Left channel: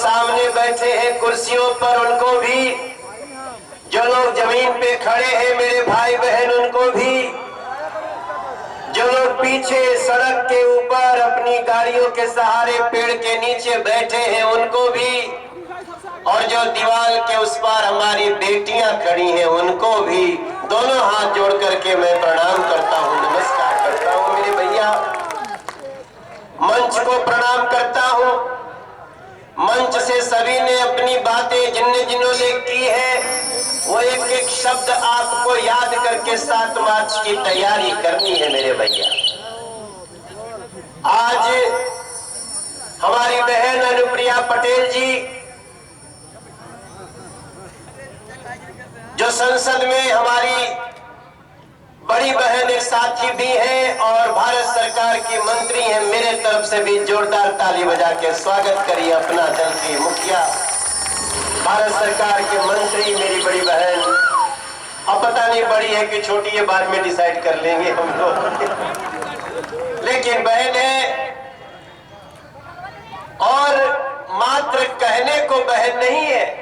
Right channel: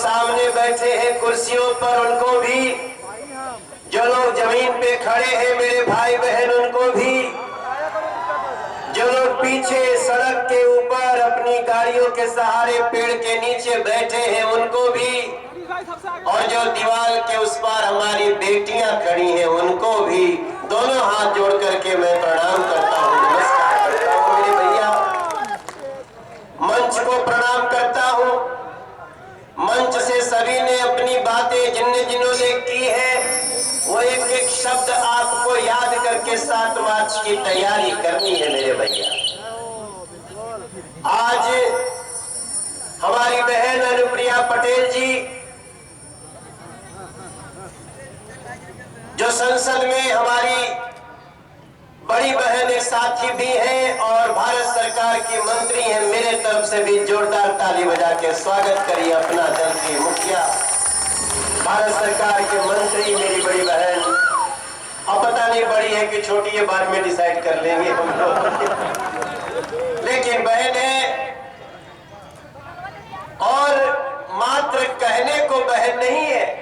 सामने बैठे हैं कुर्सियों पर उनको भी, जो लोग जमीन पे खड़े हैं मेरे भाई बहन उनको भी, जो लोग पीछे सड़क के ऊपर अपनी गाड़ियों के सहारे पेड़ के नीचे बैठे हैं उनको भी, और जो दीवार के उस पार हमारी बेटियां खड़ी हैं उनको भी दोनों हाथ जोड़ करके मैं प्रणाम करता हूं, नमस्कार करता हूं मेरे भैया। मंच को प्रणाम करता हूं। मंच से सभी ने अपनी बातें जिन्होंने की है वो एक एक शब्द आपको याद करके 7 मार्च की तैयारी करनी है मेरे भैया। आज हमारी बहन अनुप्रिया पटेल जी जो संसद में हमारी बड़ी बहन एक साथी भी हैं और भारत सरकार की मंत्री हैं, मेरे तरफ से भी जोरदार ताली बजा के स्वागत करिए अपना दल की मुखिया भारत सरकार के मंत्री मेरी बड़ी बहन। अब पता नहीं बड़ी है कि छोटी है, बाद में डिसाइड कर लेंगे हम लोग लेकिन बहन है और मात्र कहने को बहन नहीं है,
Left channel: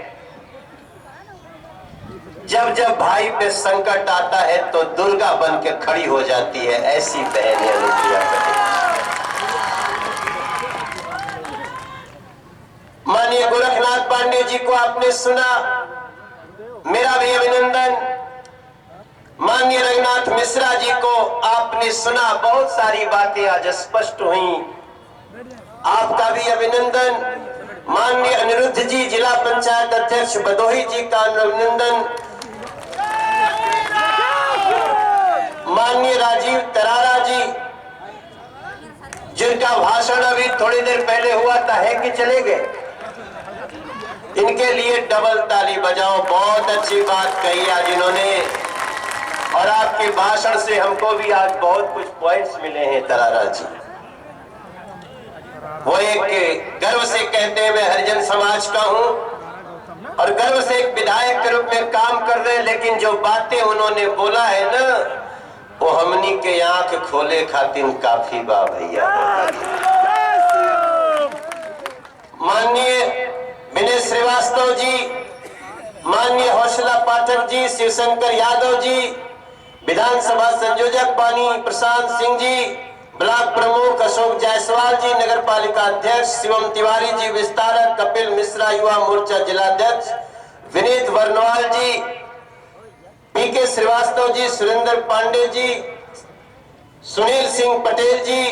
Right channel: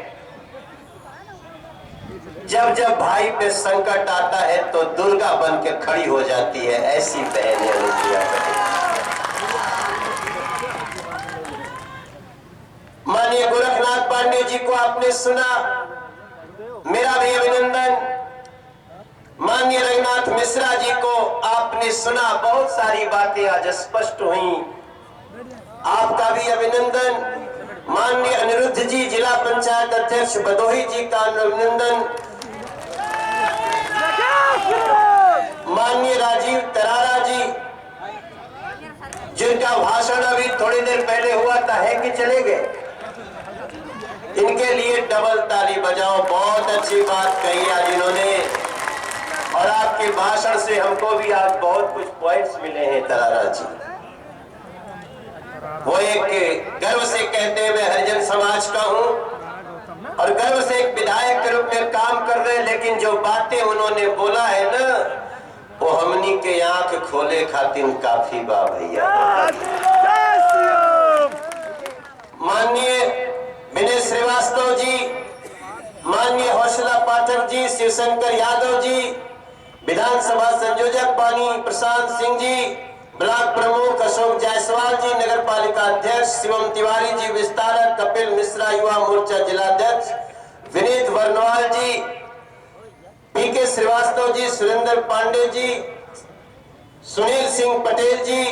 जब जब भाई पे संकट आता है तो दुर्गा बन के खड़ी हो जाती है, ऐसी बहन है अनुप्रिया पटेल। माननीय गोरखनाथ पांडे जी को आपने सुना, मेरा भी अभिनंदन। माननीय रघुनाथ मिश्रा जी को आपने सुना, बहुत सारी बातें आज स्पष्ट हुई, आपका भी अभिनंदन। माननीय अनिरुद्ध जी जिला पंचायत अध्यक्ष भदोही जी का अभिनंदन। माननीय राजीव तरारा जी जिनका भाषण अभी थोड़ी देर पहले हुआ था, है कि चले गए, इनके लिए डबल ताली बजाओ, बहुत अच्छी बात कही आज इन्होंने और आपके भाषण से हमको भी आज बहुत कुछ पॉइंट्स मिले हैं तरारा जी। वो एक गर्व से कहते हैं मैं हरिजन समाज का हूं और गर्व से एक विधायक के रूप में काम कर रहे हैं, लेकिन जो बातें उन्होंने बोला है ना वो हमनी के आंख खोले खातिर काफी बा भैया। माननीय विनय श्रीवास्तव जी, माननीय हौसला पाठक जी, शिवशंकर यादव जी, विधानसभा संयोजक पानी प्रशांत सिंह जी, ब्लॉक प्रमुख अशोक जायसवाल जी, नगर पालिका अध्यक्ष शिवम तिवारी जी, विस्तारक कपिल मिश्रा, युवा मोर्चा जिलाध्यक्ष विनीत वर्णवाल जी, पीके श्रीवास्तव जी, सुरेंद्र पांडे जी, सुनील सिंह पटेल जी,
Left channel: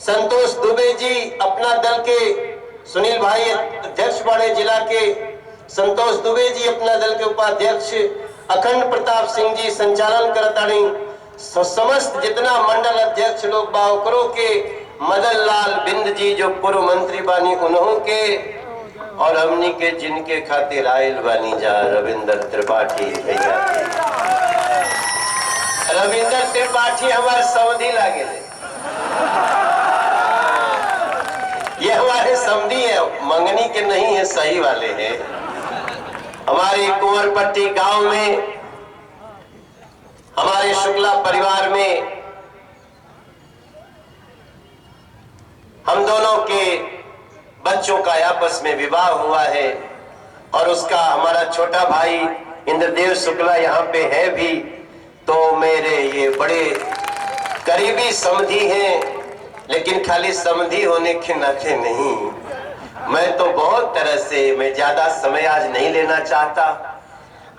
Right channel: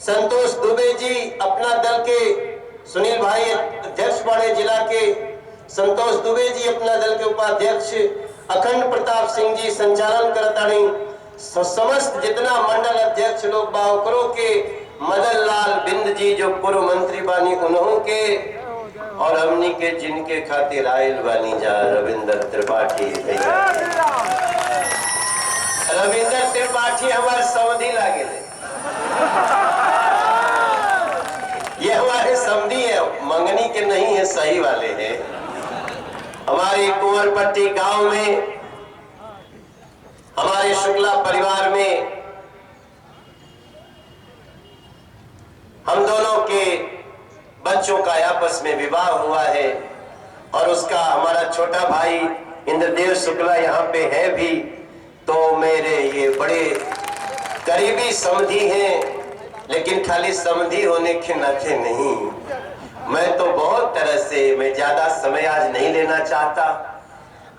संतोष दुबे जी, अपना दल के सुनील भाई अध्यक्ष बड़े जिला के संतोष दुबे जी, अपना दल के उपाध्यक्ष अखंड प्रताप सिंह जी, संचालन करतानी समस्त जितना मंडल अध्यक्ष लोग बावकरों के मदन लाल बिंद जी जो पूर्व मंत्री बानी उन्हों के और हमनी के जिनके खातिर आयल बानी जा रविंद्र त्रिपाठी भैया। रविंद्र त्रिपाठी हमारे समधी लागे, ये हमारे समधी है, मंगनी के नहीं है, सही वाले हैं। हमारे कुंवरपट्टी गांव में हमारे शुक्ला परिवार में हम दोनों के बच्चों का आपस में विवाह हुआ है और उसका हमारा छोटा भाई इंद्रदेव शुक्ला यहाँ पे है भी, तो मेरे ये बड़े करीबी समधी हैं, लेकिन खाली समधी होने के नाते नहीं, मैं तो बहुत तरह से, मैं ज्यादा समय आज नहीं लेना चाहता।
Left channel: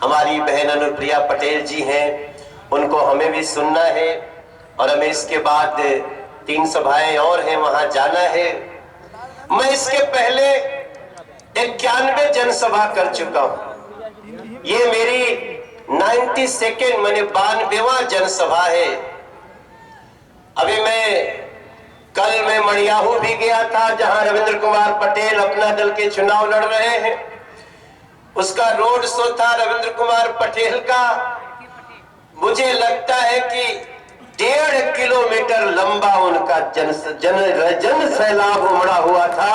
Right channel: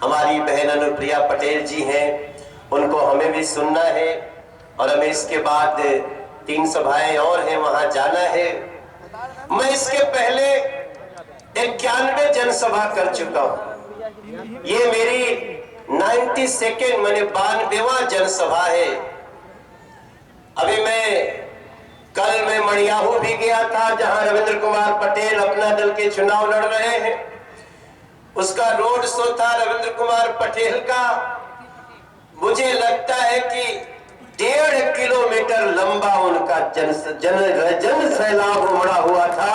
हमारी बहन अनुप्रिया पटेल जी हैं, उनको हमें भी सुनना है और हमें इसके बाद 3 सभाएं और हैं, वहां जाना है। मैं इसके पहले 91 जनसभा कर चुका हूं, ये मेरी 92nd मैंने 92वां जनसभा है। अभी कल मैं मड़ियाहू भी गया था जहां रविंद्र कुमार पटेल अपना दल के चुनाव लड़ रहे हैं, उसका रोड शो था रविंद्र कुमार पटेल का। मुझे लगता है कि 1.5 किलोमीटर लंबा उनका जन सैलाब उमड़ा हुआ था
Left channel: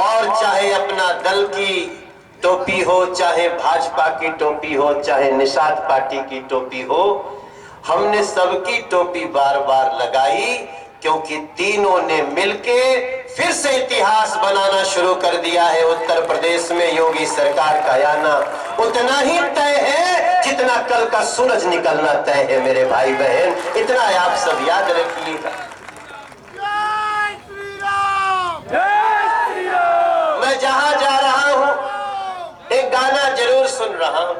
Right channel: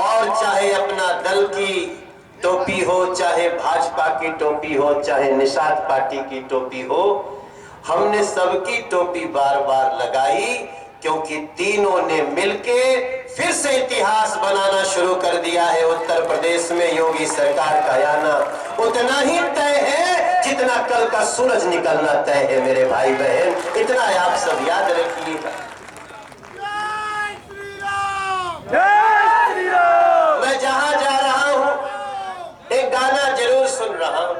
और चाहे अपना दल की टोपी हो, चाहे भाजपा की टोपी हो, चाहे निषाद पार्टी की टोपी हो, हमने सबकी टोपी बार बार लगाई क्योंकि तीनों ने मिलके फिर से इतिहास बनाना शुरू कर दिया है। उत्तर प्रदेश में योगी सरकार का आना उतना ही तय है जितना कल का सूरज निकलना तय है मेरे भाई बहन। इतना आप सब याद रखिएगा। मैं जहां जा रहा हूं एक गाना जरूर सुन रहा हूं।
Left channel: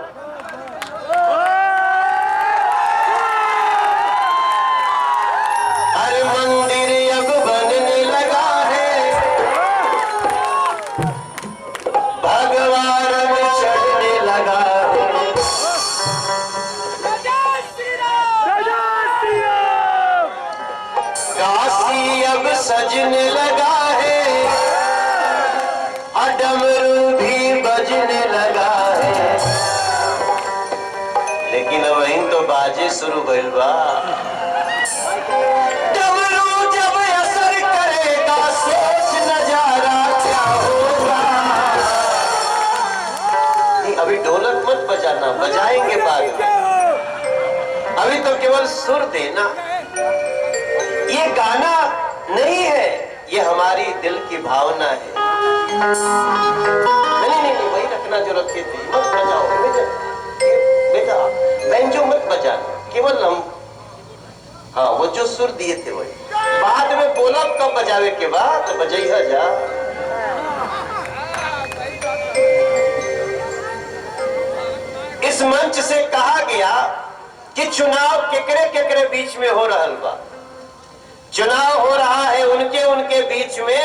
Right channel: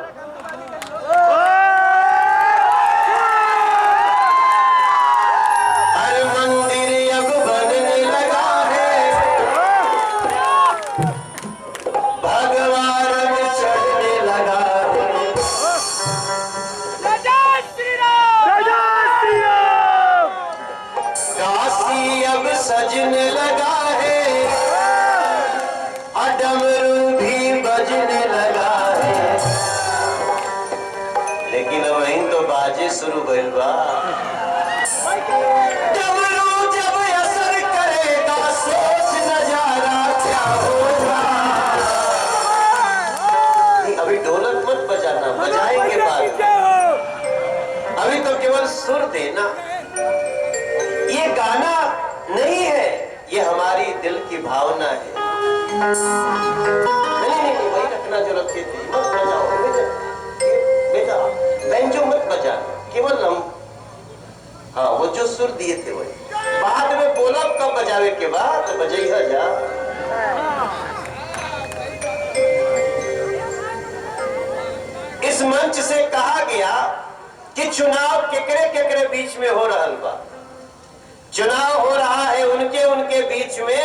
हर मंदिर अब बनने लगा है, भगवान में चढ़ने लगा है। काशी अब सजने लगा है, डमरू भी बजने लगा है। लेकिन वहीं तो बाजे शुरू भइल बा। डमरू जब असर करेगा सोच नजारा क्या होगा। अभी ढोलक मत बजाना, बजाएंगे बाद में, अभी तो केवल सुर देना। ये गाना नहीं है, ये हमारी दिल की भावना है। नहीं, वही रखना जो रखे थे, मत बजाओ बेटा, बेंजो मत बजाना, केवल हम हाँ वो जो सुर दिए थे वही। बाद में बोला कब बजावे के बाद तो बजाइया जा। इस मंच से कहा गया कि चुनाव केकरे केकरे बीच में हो रहा बा। चुनाव हो रहा है उनके बीच में।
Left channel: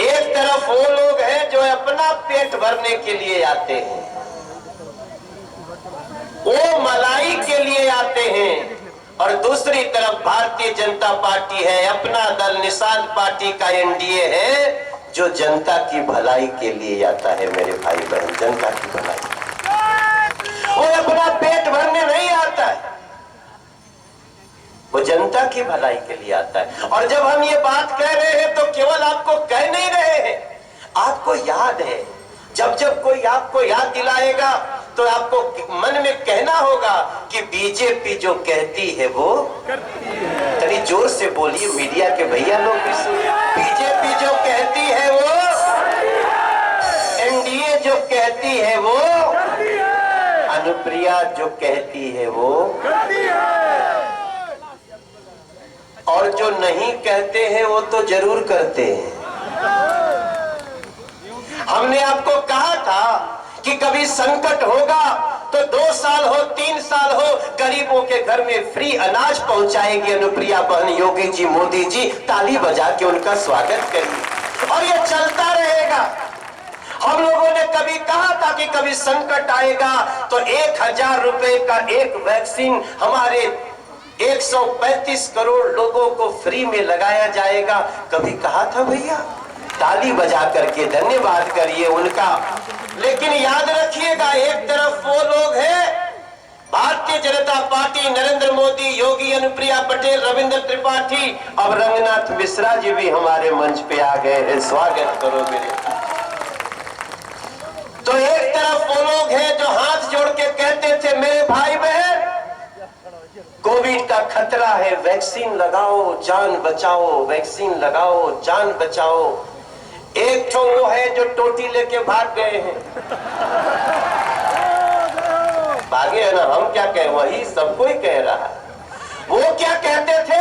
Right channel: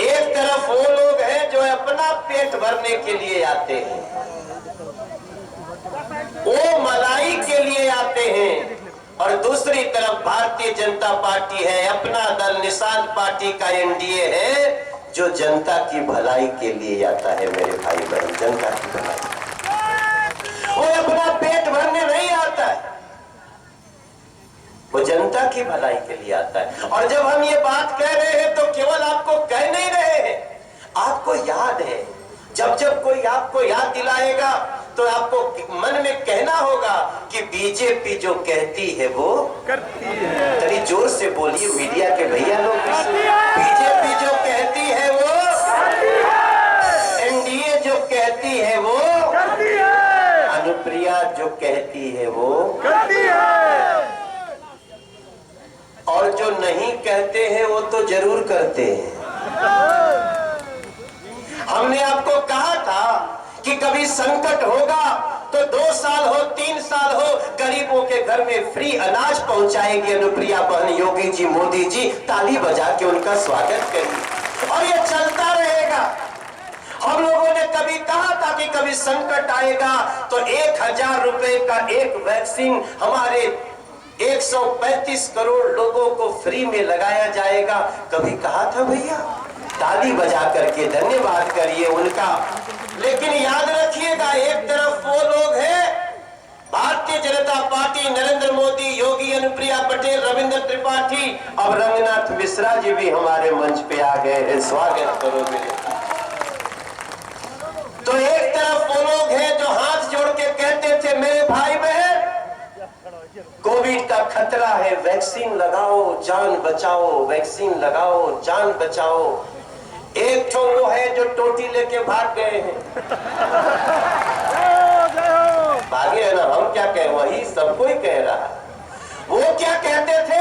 एक तरफ वो लोग हैं जो अपना पेट भरने के लिए आते हैं, वो मलाई के लिए आते हैं, और दूसरी तरफ भारतीय जनता पार्टी है, अपना दल निषाद पार्टी का एनडीए है जो जनता की भलाई के लिए आता है मेरे भाई बहन। जनता की भलाई, वो अपना पेट भरने नहीं आता है, वो जनता की भलाई के लिए आता है। और जब हम ये बात कह रहे हैं तो केवल आपको कह नहीं रहे हैं, आपको याद है। जब जब कोई आपको याद दिलाएगा तो आपको मन में कहना होगा कि बीजेपी जो कहती है वो करती है। चलिए जोर से बोलिए मीडिया के भैया लोग, बीजेपी जो कहती है वो, एनडीए जो कहती है वो, अनुप्रिया जो कहती है वो करती है, और जो नहीं कहते हैं वो तो जरूर करते हैं। हमने आपको कहा था कि कभी संकट होगा तो 2 साल हो 3 साल हो गरीबों के घर में फ्री अनाज पहुंचाएगी अनुप्रिया बहन। योगी जी, मोदी जी ताली बजा के उनका स्वागत करिए, और ये चलता रहेगा। हम लोगों ने कभी कहा था कि कभी संकट आएगा तो 1000 रुपए का एक वैक्सीन हमारे 135 करोड़ लोगों को फ्री में लगाया जाएगा। कभी कहा था भैया? ताली बजा करके धन्यवाद करिए उनका। लेकिन याद रखिएगा, एक तरफ वो लोग हैं भारतीय जनता पार्टी, नरेंद्र मोदी, योगी, अनुप्रिया पटेल, रविंद्र त्रिपाठी, अब रंगनाथ मिश्रा जी भी हमारे मंच पे आ गए हैं, स्वागत करो मेरे। तो एक तरफ वो लोग हैं जो हाथ जोड़ के कहते थे मेरे भाई बहन कोविड का खतरा है, वैक्सीन लगाओ जान बचाओ, वैक्सीन लगाओ जान बचाओ। एक तो वो है जो टोटी लेके भाग गए हैं, भागे है ना, हम क्या कहें, वही सबको ही कह रहा है। वो क्या कहते थे?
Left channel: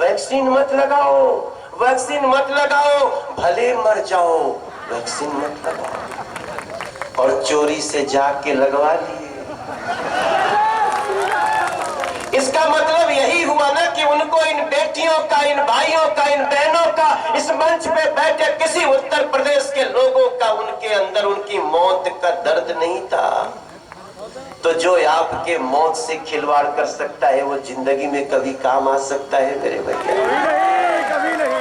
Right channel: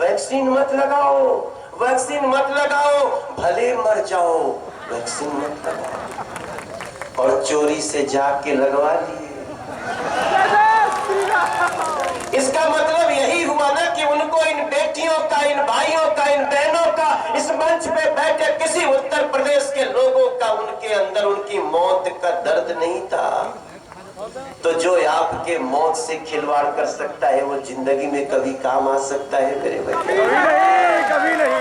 वैक्सीन मत लगाओ, वैक्सीन मत लगाओ, भले मर जाओ, वैक्सीन मत लगाओ, और चोरी से जाके लगवा लिए। इसका मतलब यही हुआ ना कि उनको, इन बेटियों का, इन भाइयों का, इन बहनों का, इस मंच पे बैठे किसी उत्तर प्रदेश के लोगों का उनके अंदर उनकी मौत का दर्द नहीं था। तो जो आपके मौत से खिलवाड़ कर सकता है वो जिंदगी में कभी काम आ सकता है मेरे भैया? कभी नहीं।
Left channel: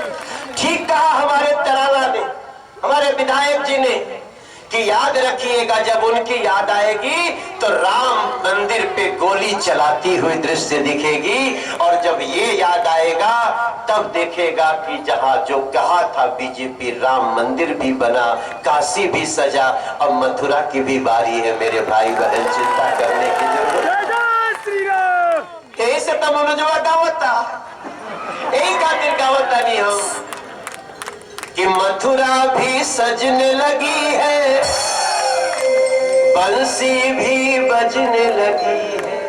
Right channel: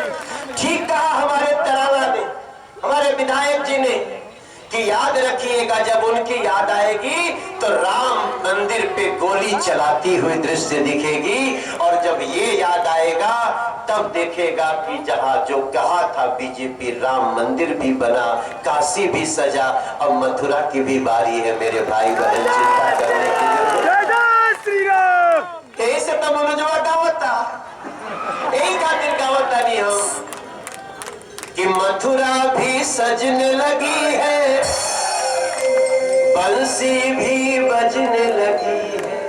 ठीक कहा हमारे तराना ने, हमारे विधायक जी ने कि याद रखिएगा जब उनकी याद आएगी तो राम मंदिर पे गोली चलाती हुई दृश्य दिखेगी, और जब ये याद आएगा तब देखेगा कि जहां जो कहा था बीजेपी, राम मंदिर भी बना, काशी भी सजा, अब मथुरा की भी बारी है मेरे भाई बहन, चिंता करने की जरूरत। यही से तब मनोजवा दावत था यही खातिर गावत तानी हम कि मथुरा भी सजने लगी है, बंसी भी बजने लगी है।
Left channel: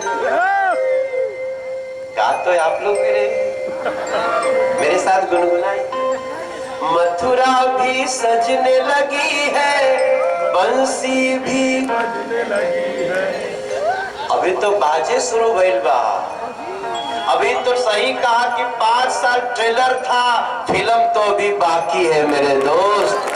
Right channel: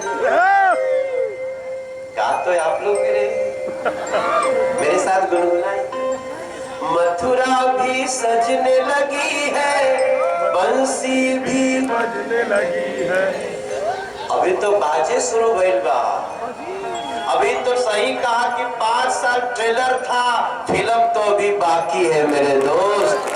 गा तो आप लोग मेरे साथ गुनगुनाई। मथुरा भी सजने लगी है, बंसी भी बजने लगी है। अभी तो बाजे शुरू भइल बा। अभी तो सही कहा कि 5 साल ट्रेलर था, फिल्म तो अभी बाकी है मेरे दोस्त।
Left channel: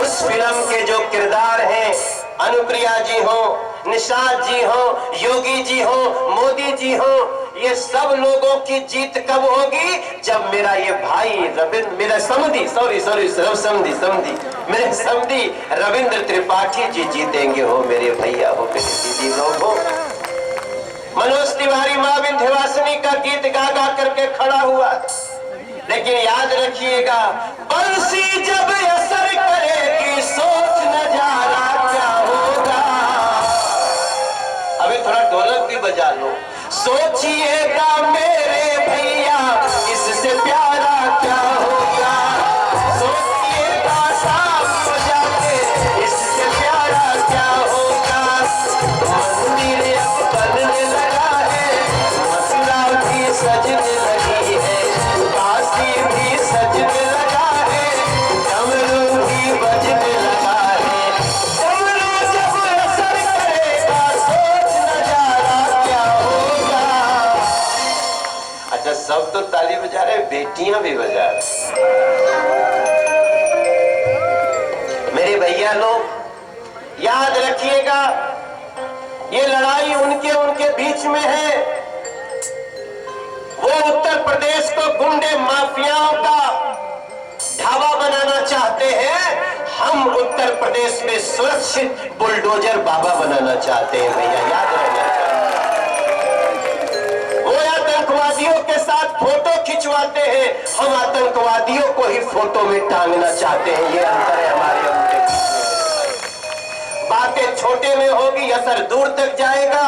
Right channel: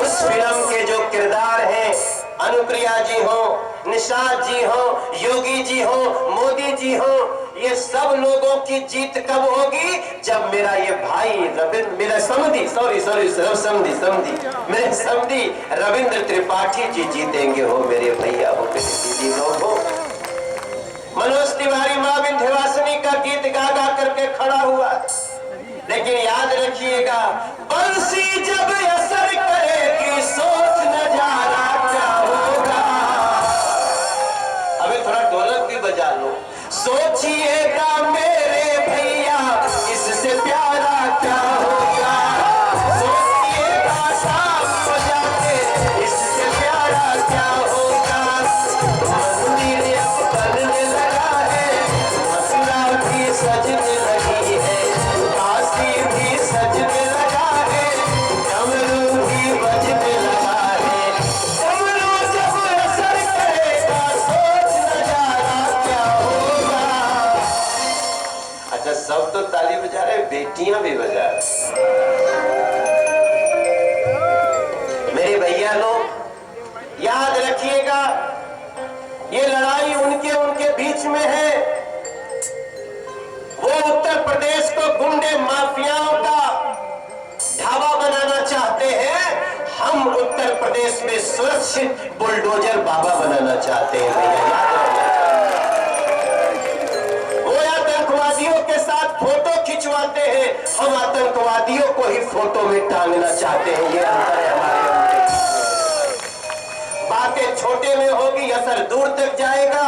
उस फिल्म के जो किरदार हैं, अनुप्रिया जी हो, निषाद जी हो, योगी जी हो, मोदी जी हो, ये सब लोगों की जीत कब होगी? जब मेरा ये भाई रविंद्र, मेरा समधी, मेरे समधी रविंद्र त्रिपाठी जी जीतेंगे। हो मेरे भैया, हो मेरे दीदी लोग हो। मनोज तिवारी माँ विंध्यवासिनी का गीत गा गा करके खड़ा हुआ, लेकिन याद रखिएगा, बंसी जब असर करेगी सोच नजारा क्या होगा। अभी थोड़ा ढोलक भी बजा लो। सोचिएगा मेरे भैया, इससे प्यारा क्या होगा। सोचिएगा शाम को जाके, इससे प्यारा क्या होगा। मंदिर अब बनने लगा है, मथुरा भी सजने लगी है, काशी भी सजने लगा है, डमरू भी बजने लगा है। डमरू जब असर करेगा सोच नजारा क्या होगा। अच्छा, सब तो ताली बजा रहे, बेटियां भी बजा रहे। मेरे भैया लोग याद रखिएगा, ये लड़ाई उनके बीच में है। वो उत्तर प्रदेश को गुंडे माफियाओं का ढाबा बनाना चाहते हैं, हम उत्तर प्रदेश में सुरक्षित बुलडोजर बाबा बनाना चाहते हैं। भैया याद रखना। वो आतंकवादियों के साथ फोटो खिंचवाते हैं, हम आतंकवादियों को ही फोटो में टांगना चाहते हैं। ये अंतर है हमारे उनके। बातें छोटे में होगी, असर दूर तक जाएगा।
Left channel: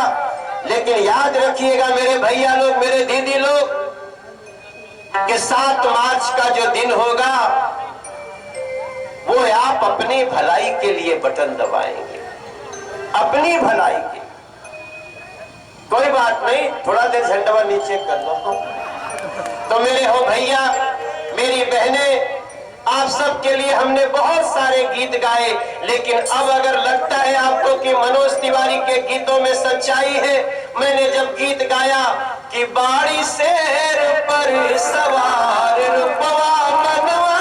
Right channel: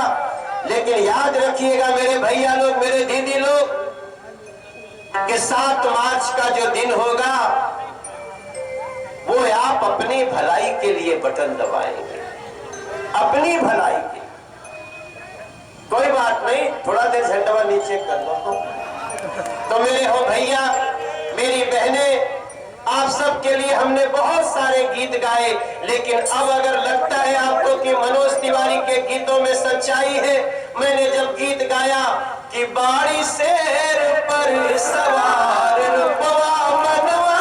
लेकिन याद रखिएगा मेरे भैया लोग, मेरे दीदी लोग, कि 7 मार्च का जो दिन होगा, वो आप अपनी भलाई के लिए बटन दबाएंगे, अपनी भलाई के। कोई बात नहीं, थोड़ा देर झंडा नीचे कर लो। तो मेरे हो भैया, मेरी बहनें, आप सबके लिए हमने बहुत सारे गीत गाए, लेकिन अब अगर लगता है आपको कि मनोज तिवारी के गीतों में सच्चाई है, मैंने जब गीत गाया कि बाड़ी शेर पर सवार रुपवा मनवा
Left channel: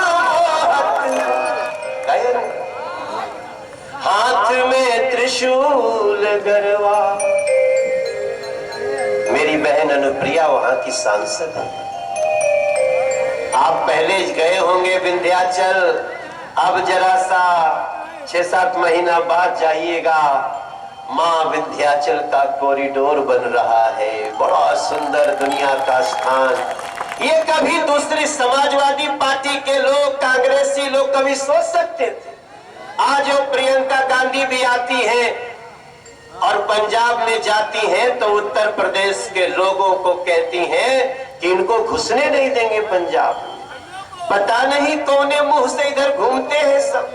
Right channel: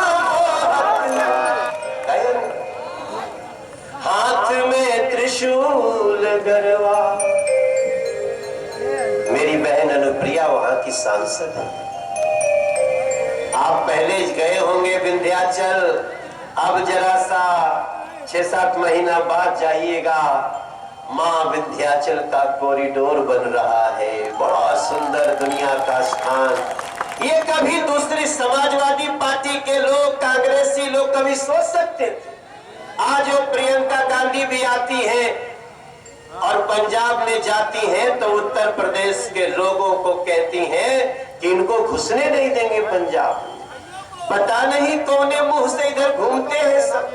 हाथ में त्रिशूल गरवा। मेरी बहन अनुप्रिया वहां की सांसद है। आप पहले गए होंगे विंध्याचल, अब जरा सा 6-7 महीना बाद जाइएगा। माँ विंध्याचल का कॉरिडोर बन रहा है, बड़ा सुंदर दुनिया का स्थान। ये कभी दूसरी समाजवादी पार्टी के लोग, कांग्रेसी लोग कभी सोच सकते थे? आज वो प्रियंका गांधी भी आती है और पंजाब में जाती हैं तो उत्तर प्रदेश के लोगों को कहती हैं कि इनको घुसने नहीं देंगे पंजाब। पता नहीं कौने मुंह से इधर घूमते हैं सब,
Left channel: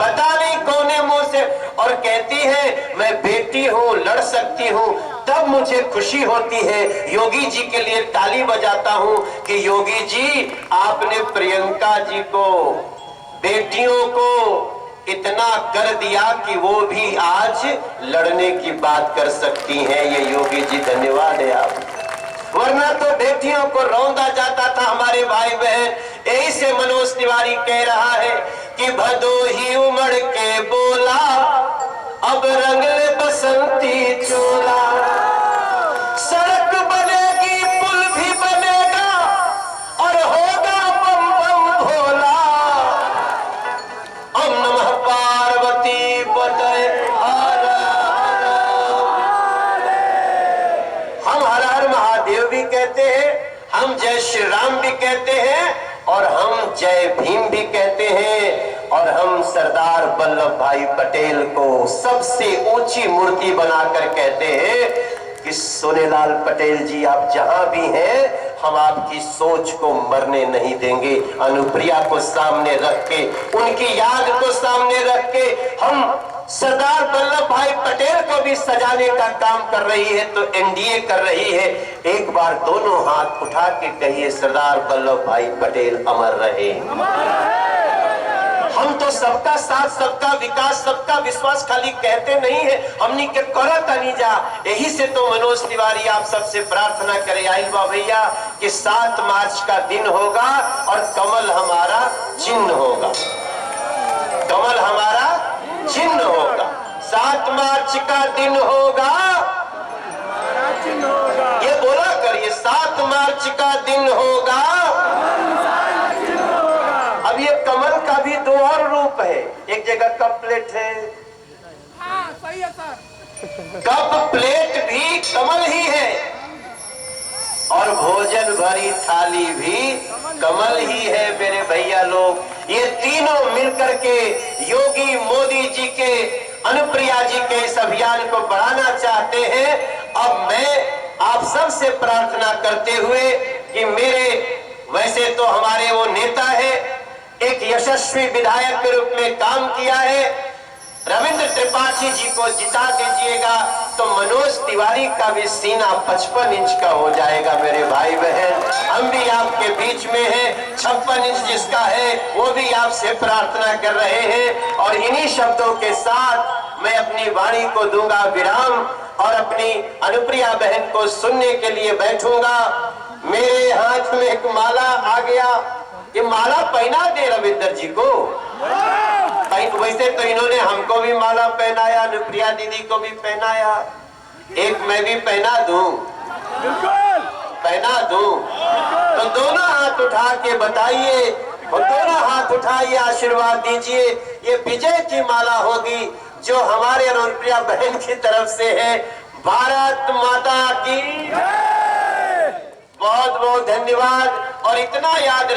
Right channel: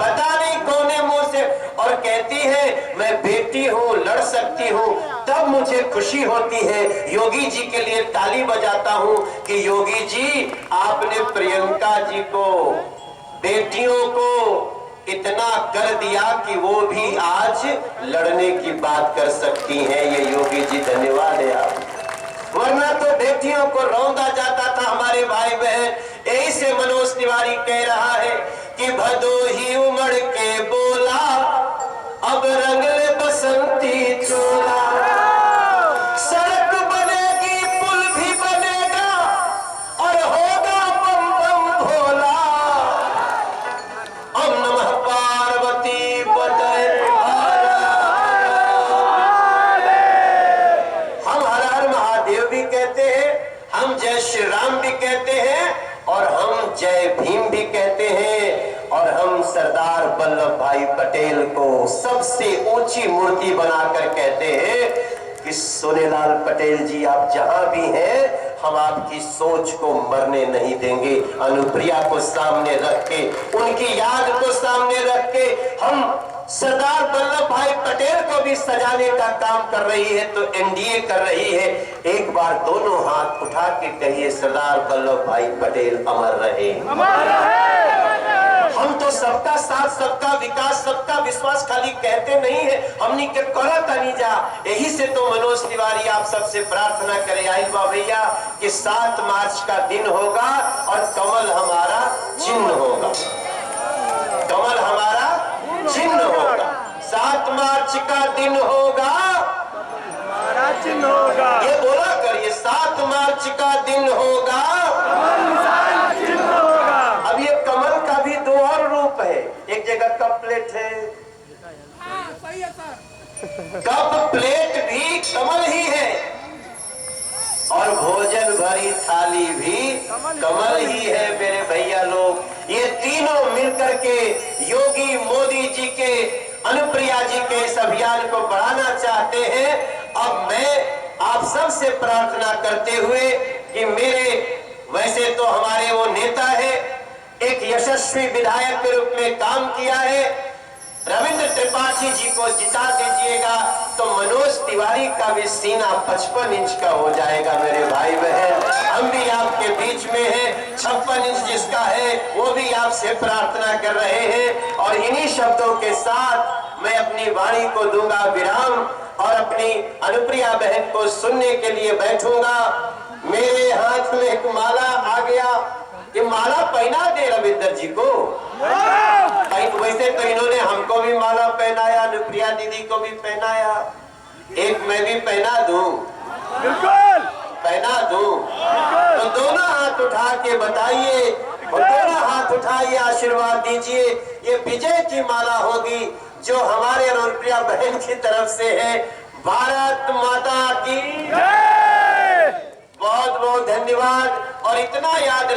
पता नहीं कौने मुंह से, और कहती है मैं बेटी हूँ, लड़ सकती हूँ। तब मुझे खुशी होती है, योगी जी के लिए ताली बजाता हूँ कि योगी जी, आपने प्रियंका जी को, बेटियों को इतना कर दिया कि वो भी आज लड़ने की बात कर सकती हैं। ये योगी जी, धन्यवाद है आप। वरना तो बेटियों को रौंदा जाता था हमारे भाई बहन। यही से मनोज तिवारी कह रहा है कि भदोही उमड़ के बोला, अब रंग ले बसंती चोला। सड़क बनेगी, पुल भी बनेगा, और होगा बम बम भोला। ओम नमः पार्वती पतये हर हम हर हर महादेव भी कहते हैं, हम जय श्री राम भी कहते हैं, और हम जय भीम भी कहते हैं। और हम सरदार वल्लभ भाई पटेल को सबसे ऊंची मूर्ति बनाकर कहते हैं कि सोनेलाल पटेल जी आप जहां भी हैं, हम आपकी सोच को मरने नहीं देंगे। अनुप्रिया को सामने रख के, उनकी याद को सामने रख के हम सरदार वल्लभ भाई पटेल को भी सजाने का काम कर रही है तो एनडीए कर रही है। एक बार दोनों हाथ उठा के कहिए, सरदार वल्लभ भाई पटेल अमर रहे। हम तो सबका साथ, सबका विकास, सबका विश्वास खाली कहते नहीं है, हमनी के करत नहीं जा। यही से तो मनोज तिवारी आप सबसे प्रार्थना करे आइल बा भैया कि 7 मार्च का दिन होगा और कमल हमारा चिन्ह होगा, कमल हमारा चिन्ह होगा। 7 मार्च का दिन होगा, हमारा चिन्ह होगा। ये बोला करिए, 7 मार्च का दिन होगा, अब ये कमल का भी 2 और रूप है। एक जगह कप प्लेट है, सही है सर। कप प्लेट भी कमल ही है और भोजन भरी थाली भी कमल ही है मेरे भैया लोग। ये तीनों मिलकर के योगी मोदी जी के, अनुप्रिया जी के इस अभियान को बढ़ाना चाहते हैं। अब मैं आप सब से प्रार्थना करते हुए कि मेरे, वैसे तो हमारे वो नेता है, एक यशस्वी विधायक के रूप में काम किया है, रविंद्र त्रिपाठी जी को जिता दीजिएगा तो मनोज तिवारी का भी सीना 55 इंच का हो जाएगा मेरे भाई बहन। हम भी आपके बीच में हैं, 56 इंच जिसका है वो भी आपसे प्रार्थना कर रहे हैं। और इन्हीं शब्दों के साथ मैं अपनी वाणी को दूंगा विराम और अपनी अनुप्रिया बहन को सुनने के लिए बैठूंगा। मेरे हाथ में एक माला आ गया, ये माला पहना दे रविंदर जी को। वैसे तो इन्होंने हमको भी माला पहनाया, अनुप्रिया दीदी को भी पहनाया, एक मैं भी पहना दूं, बिल्कुल पहना दूं। तो दोनों हाथ उठा के बताइए, और दोनों हाथ उठाइए, आशीर्वाद दीजिए। ये विजय की माला होगी जो हमारे अनुप्रिया बहन की तरफ से है। भारत माता की बहुत बहुत धन्यवाद। और इतना याद